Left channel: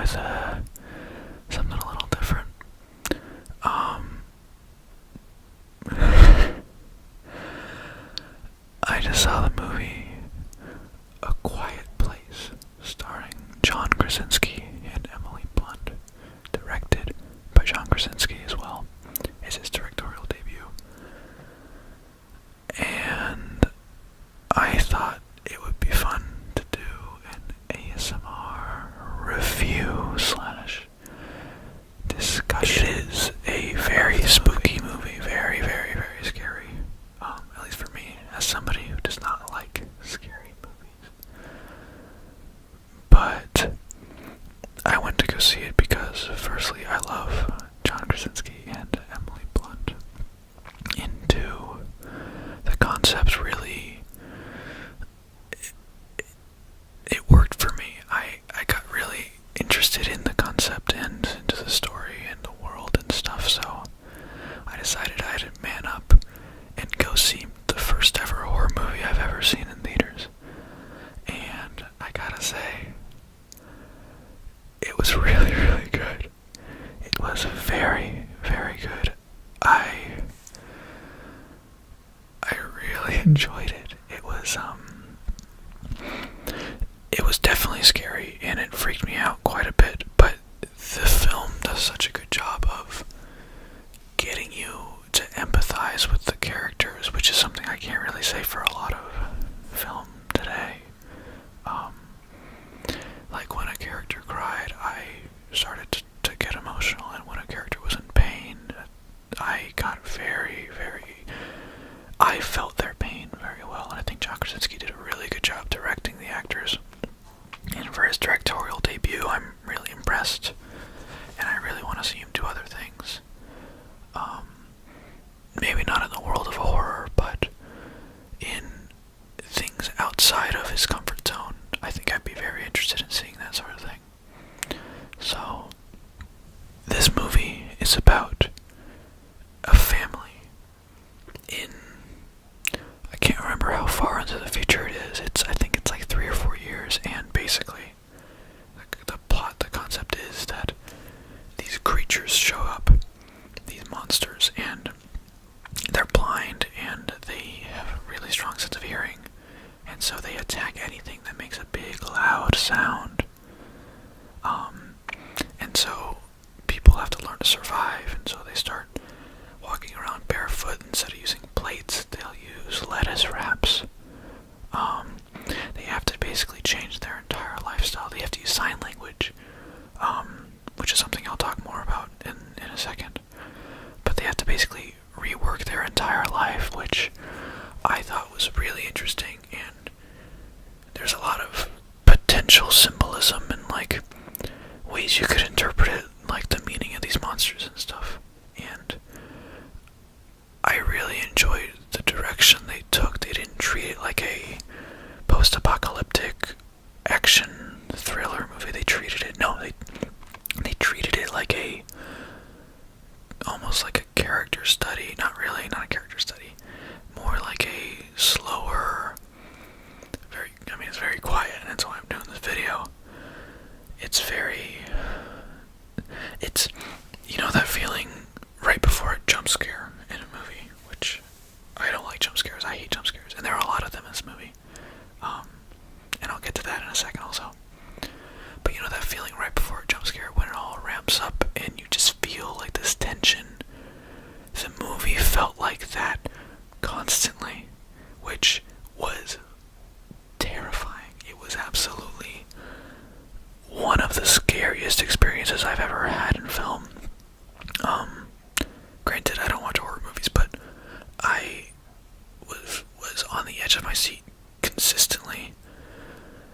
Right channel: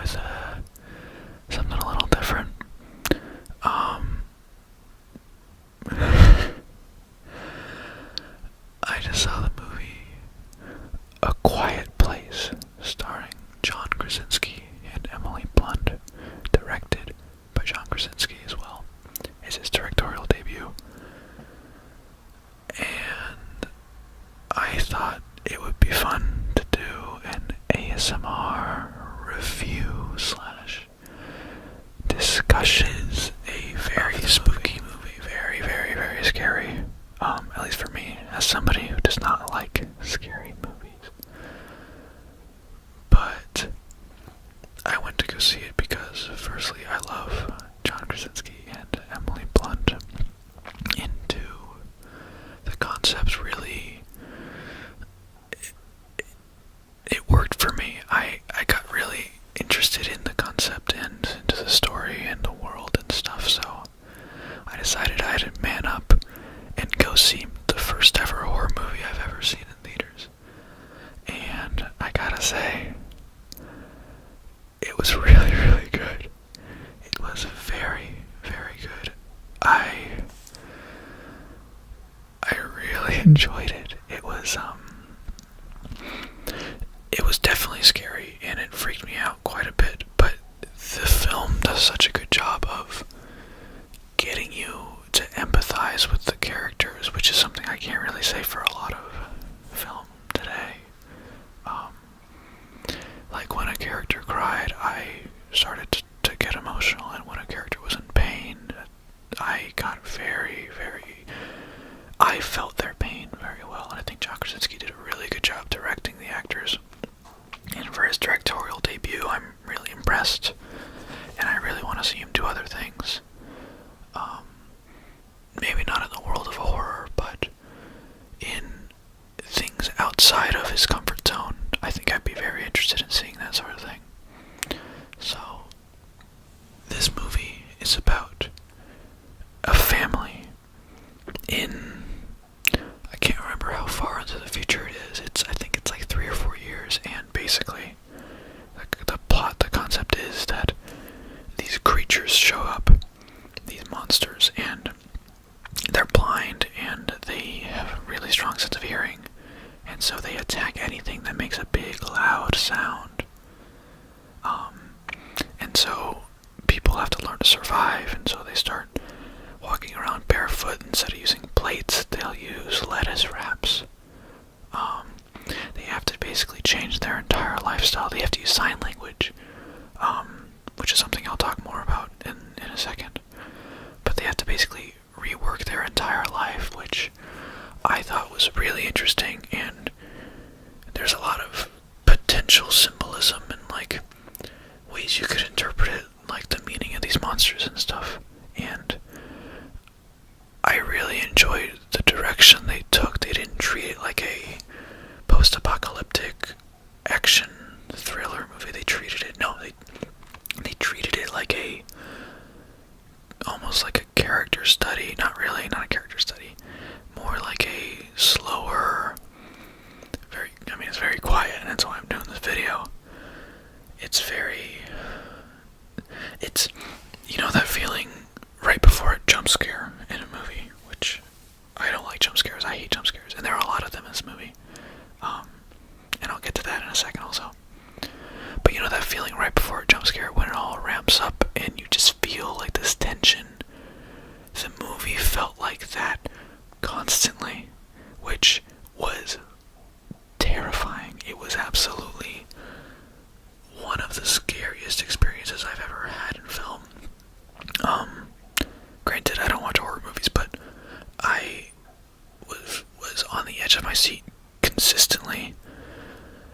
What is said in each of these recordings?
with something a little different. I just saw the movie A Quiet Place, starring John Krasinski and Emily Blunt, directed by John Krasinski as well. It's his directorial debut. And I thought it would be fun to do an ASMR review slash discussion. It is a very spooky movie, very, very, very scary. At least for me, as somebody who does not like scary movies. But I went to go see it because, firstly, I love John Krasinski and Emily Blunt. And two, the concepts really, it worked for me. I got really interested in the concept and into the story and the world and stuff, so I decided I had to man up and go see the first ever horror movie I've ever seen in theaters. And I gotta say, it was really, really good. It was very, very good. I really enjoyed it. It was definitely scary, and it freaked me out quite a bit, but the film does such a good job of getting you to empathize with the characters, which is something I can't really say for a lot of film today. Like when a character cried, I started to get emotional, and when a character was in pain, I got I felt their pain very well, and I think John Krasinski did a really good job directing the actors. And for his directorial debut, I'm really impressed, and I really want to see him do other things. Maybe not in the world of horror, but in things outside of his comfort zone. I think I'd be very interested in seeing that sort of thing. So, this movie is about a family in, I can't remember how far into the future it is. I think it's like 3 or 4 years, and basically, the concept is that these creatures show up, these monsters, and they're blind, and they have a really strong sense of hearing, and so they attack anything that makes a big, loud sound. And so people have to learn to survive, and so they start walking around barefoot. Instead of using plates, they'll use lettuce wraps. They have to basically change their entire lifestyle. They have to use sign language, which is something I'll talk more about in a second. But they have to basically rework their entire life, which I thought was really interesting, and there's a lot of potential symbolism and like ways you could interpret it, like the meaning of these monsters and stuff. And I really enjoyed the direction they took. They didn't treat it like a post-apocalyptic action thriller movie. They treated it treated it like almost like a character study. Not a character study. More like a slower, it's very quiet, and that's why I'm doing this video. You know that feeling right before a jump scare in a movie, which I don't like jump scares. I hate jump scares, and there are a lot of them in this movie. And I'll get to that in a second also. But you know that feeling right before a jump scare when it all ramps up and you just feel like this tension? The movie felt like that constantly, which was terrifying. It was absolutely one of the scariest experiences I've ever had in film. Granted, I don't watch horror movies, but I was on the edge of my seat consistently,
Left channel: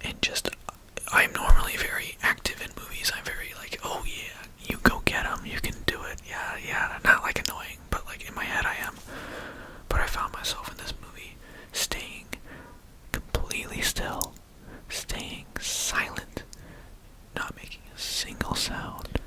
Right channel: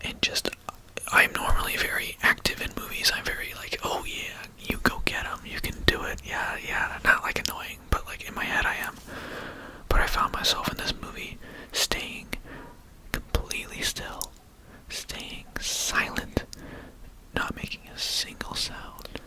and I'm normally very active in movies. I'm very like, oh yeah, you go get 'em, you can do it, yeah, not like annoying, but like in my head I am. But I found myself in this movie staying completely still, staying silent, not making a single sound,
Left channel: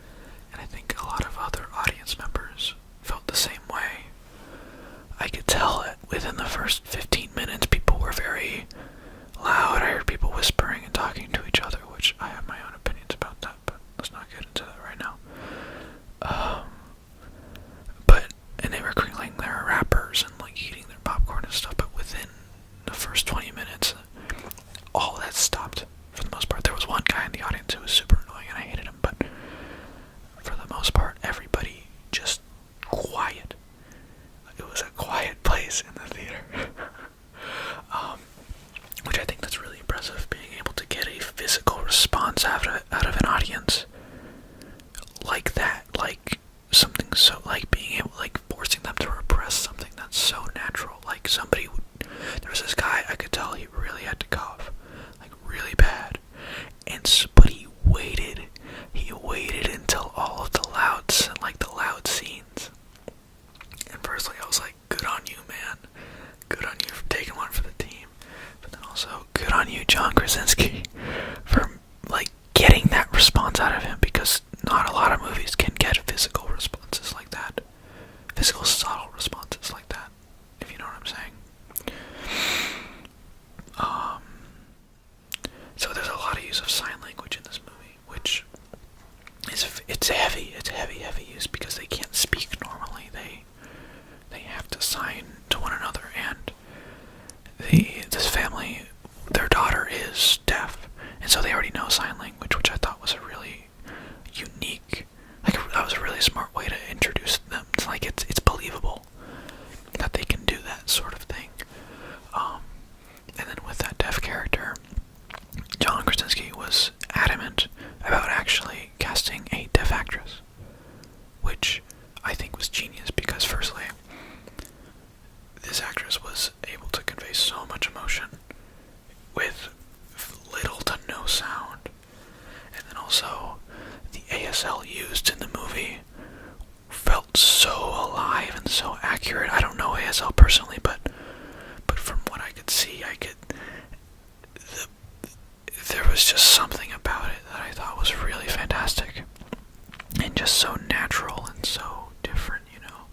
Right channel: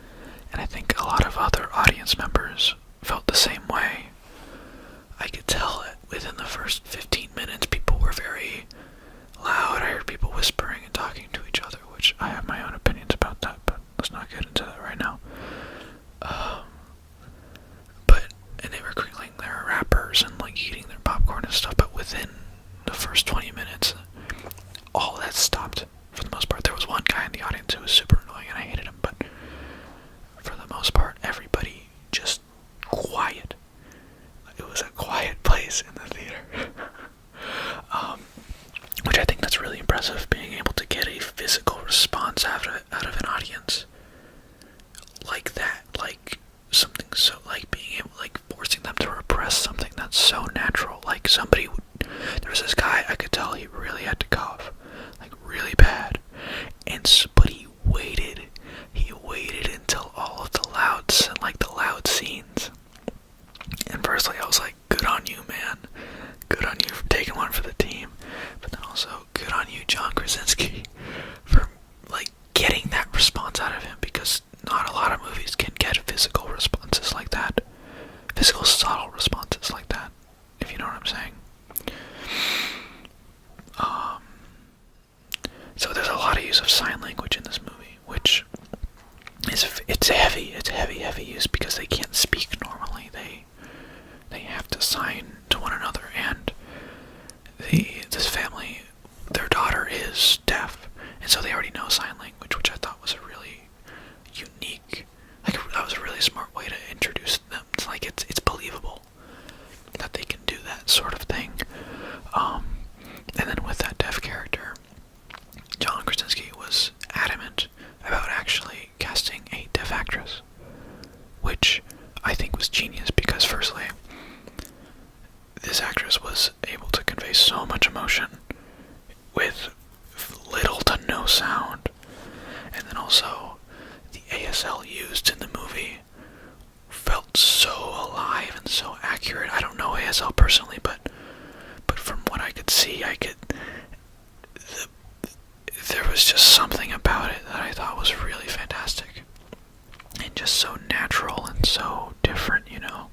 heavy use because they can't speak normally. They have to sign to one another, and this family, their daughter is deaf, and so they already know sign language, which I thought was a really unique, like that was a really smart way to introduce them. It's like it's believable that they can do that sort of thing. And then with that deaf character, John Krasinski was adamant about actually casting a deaf actress, which I think was genius because, firstly, this actress was able to convey so much emotion with little to no sound, and then also the ASL used in the movie felt so alive and so accurate. I don't know ASL personally, but from what I could see, there was just something about it that I thought was really fantastic, and just so natural and so different, you know.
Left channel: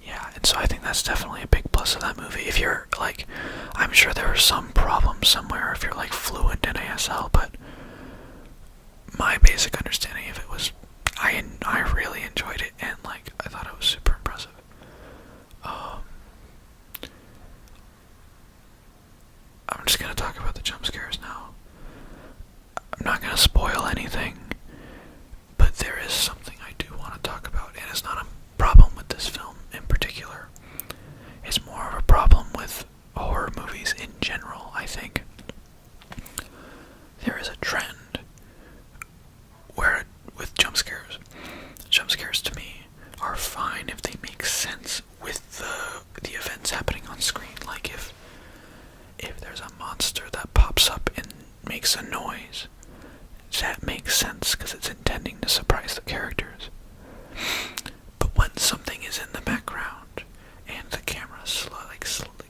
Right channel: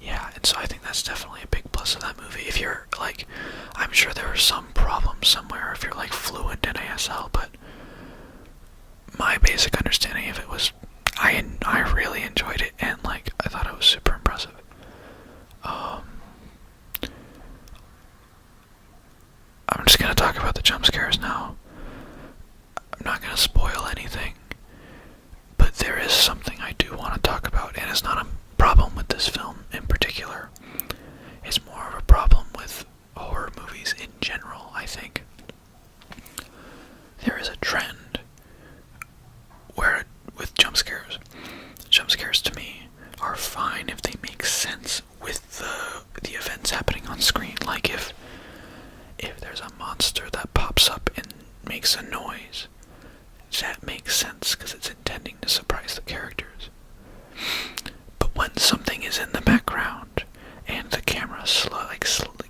Yeah, and so I think that's definitely a big plus of that movie. If you're, like, I'm sure there are some problems somewhere if you're, like, fluent in ASL, but my basic understanding of it was, I really enjoyed it, and, like, I thought it was super impressive. I'm just gonna talk about the jump scares now. I'm not gonna spoil anything, but there is something I do want to talk about, and it's not a problem with this film in particular. It's more of a problem with horror movies in general, I think. There is a trend where, with jump scares to me are fine if they make sense with the events happening on screen. Like if there's a monster that pops up and makes a noise, that makes sense because it's intending to surprise the characters. But when something is in the background and the camera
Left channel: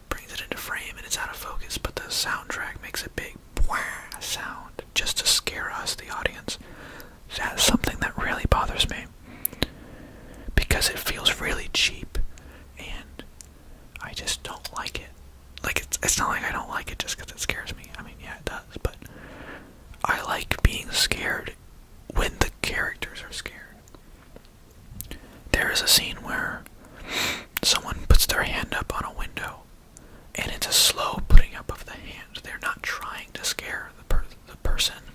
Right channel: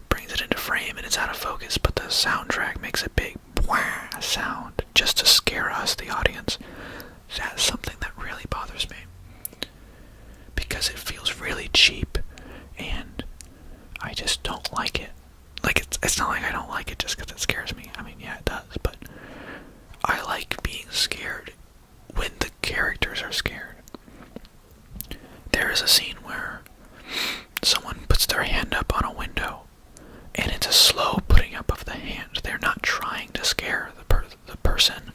brings it into frame and it's out of focus, but the soundtrack makes a big wah sound just to scare us, the audience, that's something that really bothers me. Because it feels really cheap, and I just don't like it. Like, it's not like I don't like it just because it scares me. I mean, yeah, it does, but I like being scared when the characters are scared. There is a scene where someone puts their hand up on a window, and it's a slow putting up of the hand. They're not trying to scare the person,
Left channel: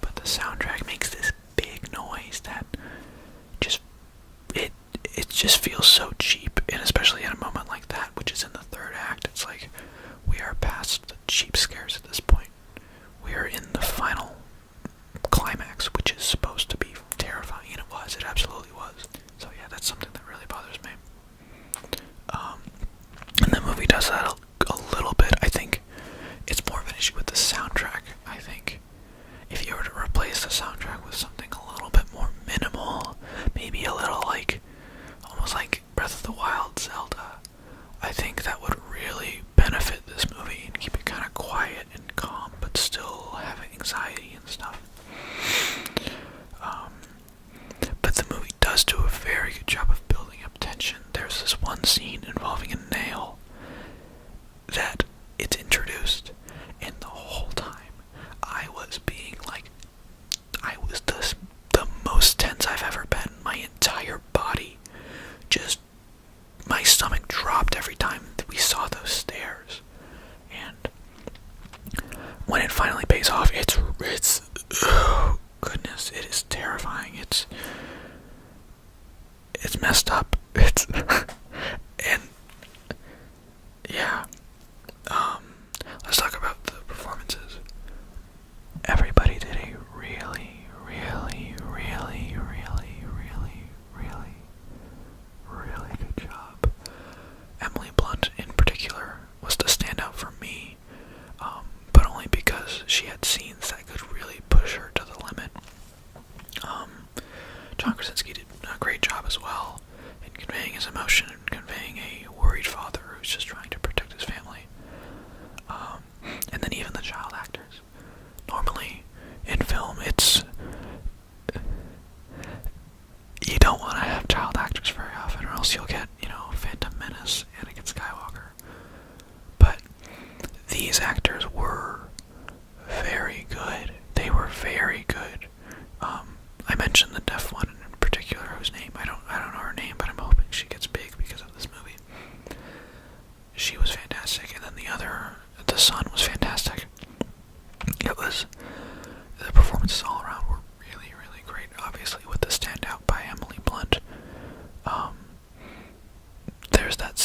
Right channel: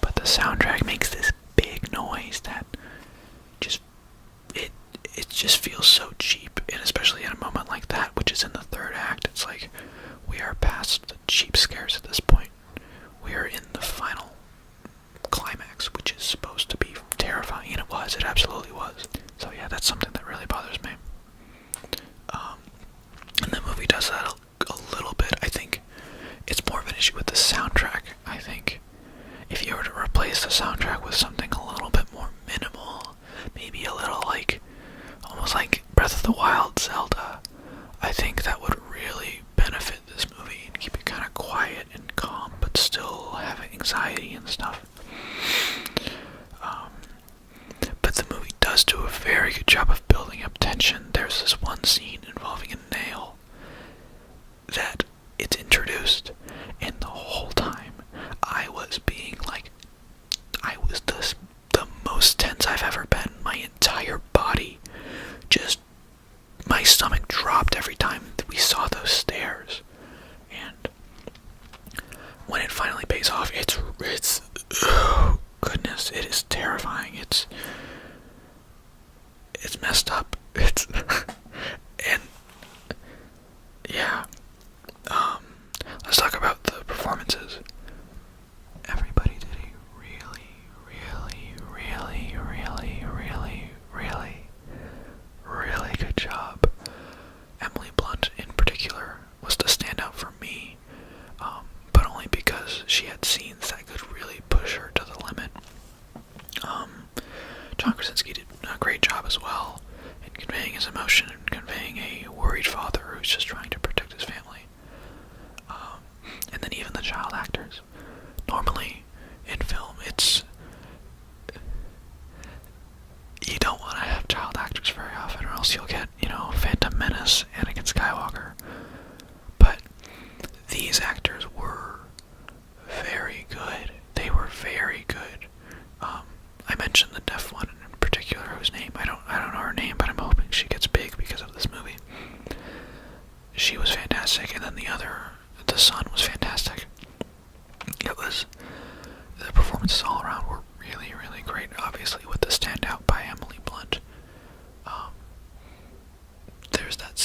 but the soundtrack makes this big noise that it just feels so cheap, and especially at a moment like that, which is in the third act, it's like we are past the cheap scares at this point. We are in the final climax, which is supposed to be terrifying, and it absolutely was. So yeah, that's something that really bothers me. And the movie does that a little bit. I think it's more of an issue with the soundtrack. I think if you were to replace the soundtrack with something a little bit more minimal, maybe a little almost like Breath of the Wild Zelda, I think that would really benefit this movie and keep it kind of quiet and calm, but still have anxiety and stuff. But the movie does do a very good job of building up tension. There's this one scene involving a nail that it's introduced, and the whole time I was the most tense I've ever been. My entire body my stomach dropped every time that we saw those stairs. And when it finally pays off, it's oh goodness, it is terrifying. It's messed up. And yeah. Let's talk about the performances. Everybody did a really good job. Emily Blunt in particular was the standout for me, but only because she had scenes that could really push her to the limit. John Krasinski did a great job as well in conveying his emotion and conveying a worried father who's just trying to protect his family. And then even the child actors. Normally, in film, you don't want to have child actors very often, or else you'll get, Phantom Menace, Anakin Skywalker. But these actors were very good. They were very good. performances all around were really, really great. Obviously, with the standout by Emily Blunt.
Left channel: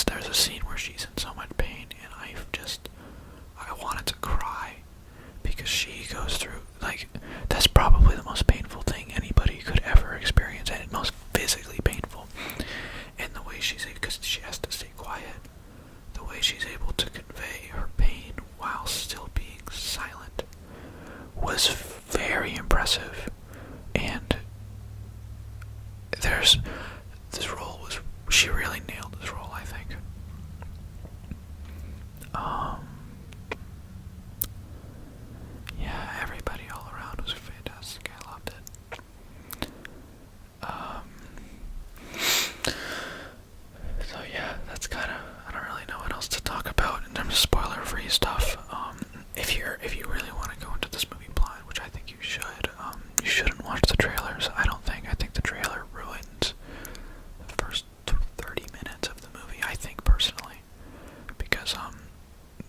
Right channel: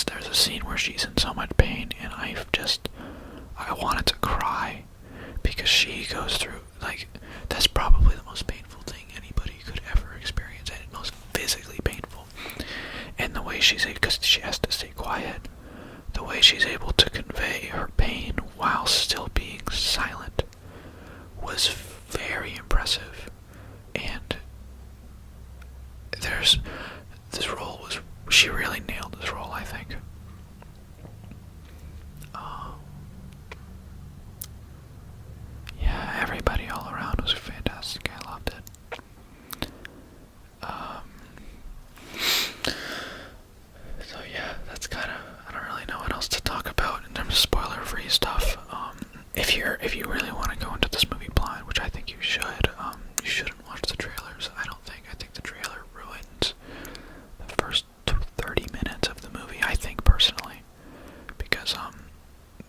There's a scene where she's in so much pain, and I wanted to cry, because she goes through, like, that's probably the most painful thing anybody could ever experience, and most physically painful. And the way because she has to stay quiet, the way she's able to convey her pain while still being silent was very impressive. And she really nailed this role, I think. Yeah, everybody all around was fantastic. I loved it. So yeah, that's kind of, I don't really know what else to talk about in terms of spoiler-free stuff. If you really want to go into this movie blind, which I think you shouldn't watch the trailers. I think the trailer ruins the first 30 minutes of the movie, I think, personally, because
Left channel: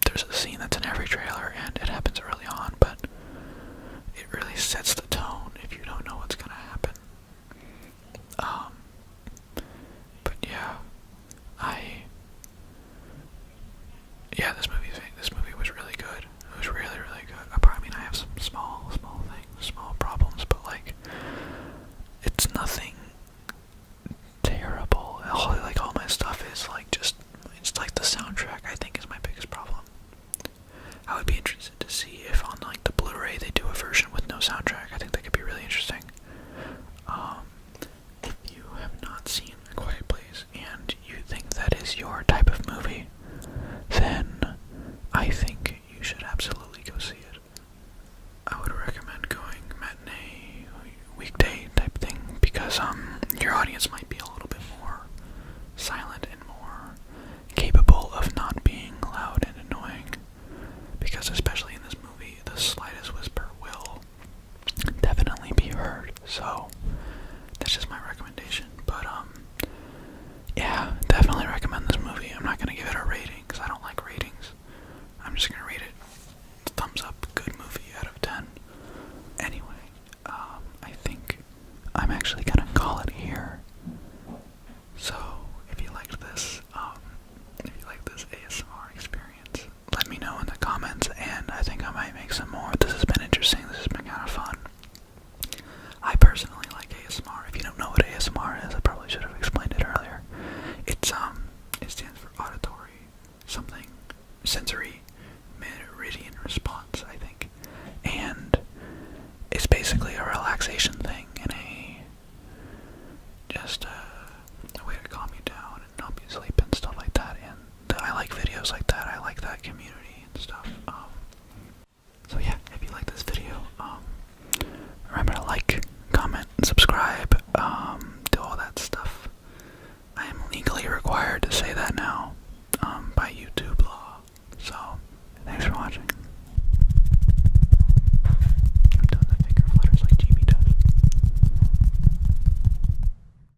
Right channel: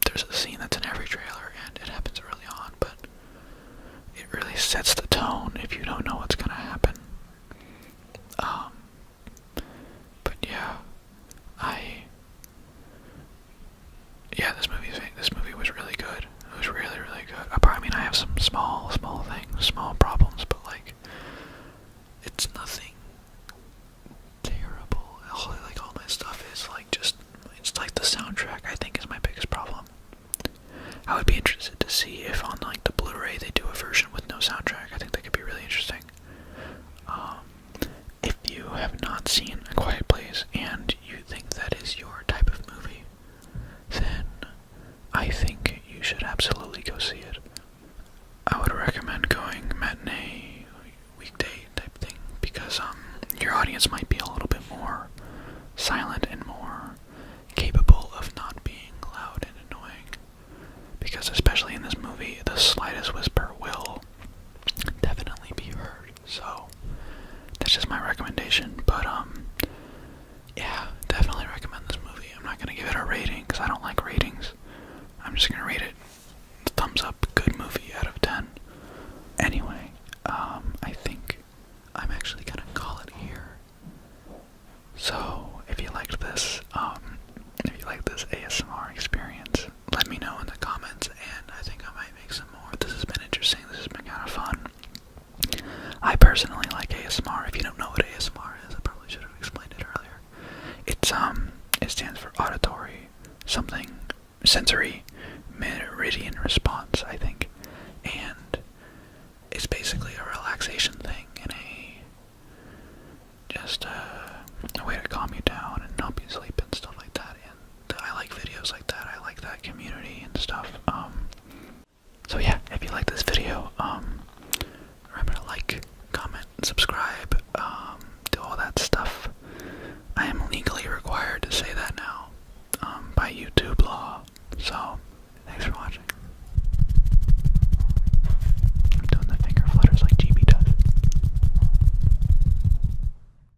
there's a scene that's in every trailer, and it happens early on, but it really sets the tone if you don't know what's gonna happen. But yeah, this movie was really good. It was really, really good. I mean, I have some small things, small problems, but like, it's nothing terrible. All my stuff is like it's like the soundtrack, I think, is my biggest problem. I would be interested to see if on like the Blu-ray they do a version with no soundtrack. I think that could be really interesting. If you have not seen A Quiet Place and you think that is your type of movie, then I think you should absolutely go see it. I would recommend going matinee, weekday type thing, because your audience might be a little bit more silent and more capable of not being loud and annoying. Because especially in this movie, the slightest whisper will definitely be heard. So that's just my recommendation. But yeah, definitely recommend this movie. I'm not gonna give it a rating because I don't like ratings. I'm just gonna rate it thumbs up, good movie out of 10. Anyway, I think I'm actually gonna call it here. So if you liked this ASMR experience, let me know in the comments, and I think I might make some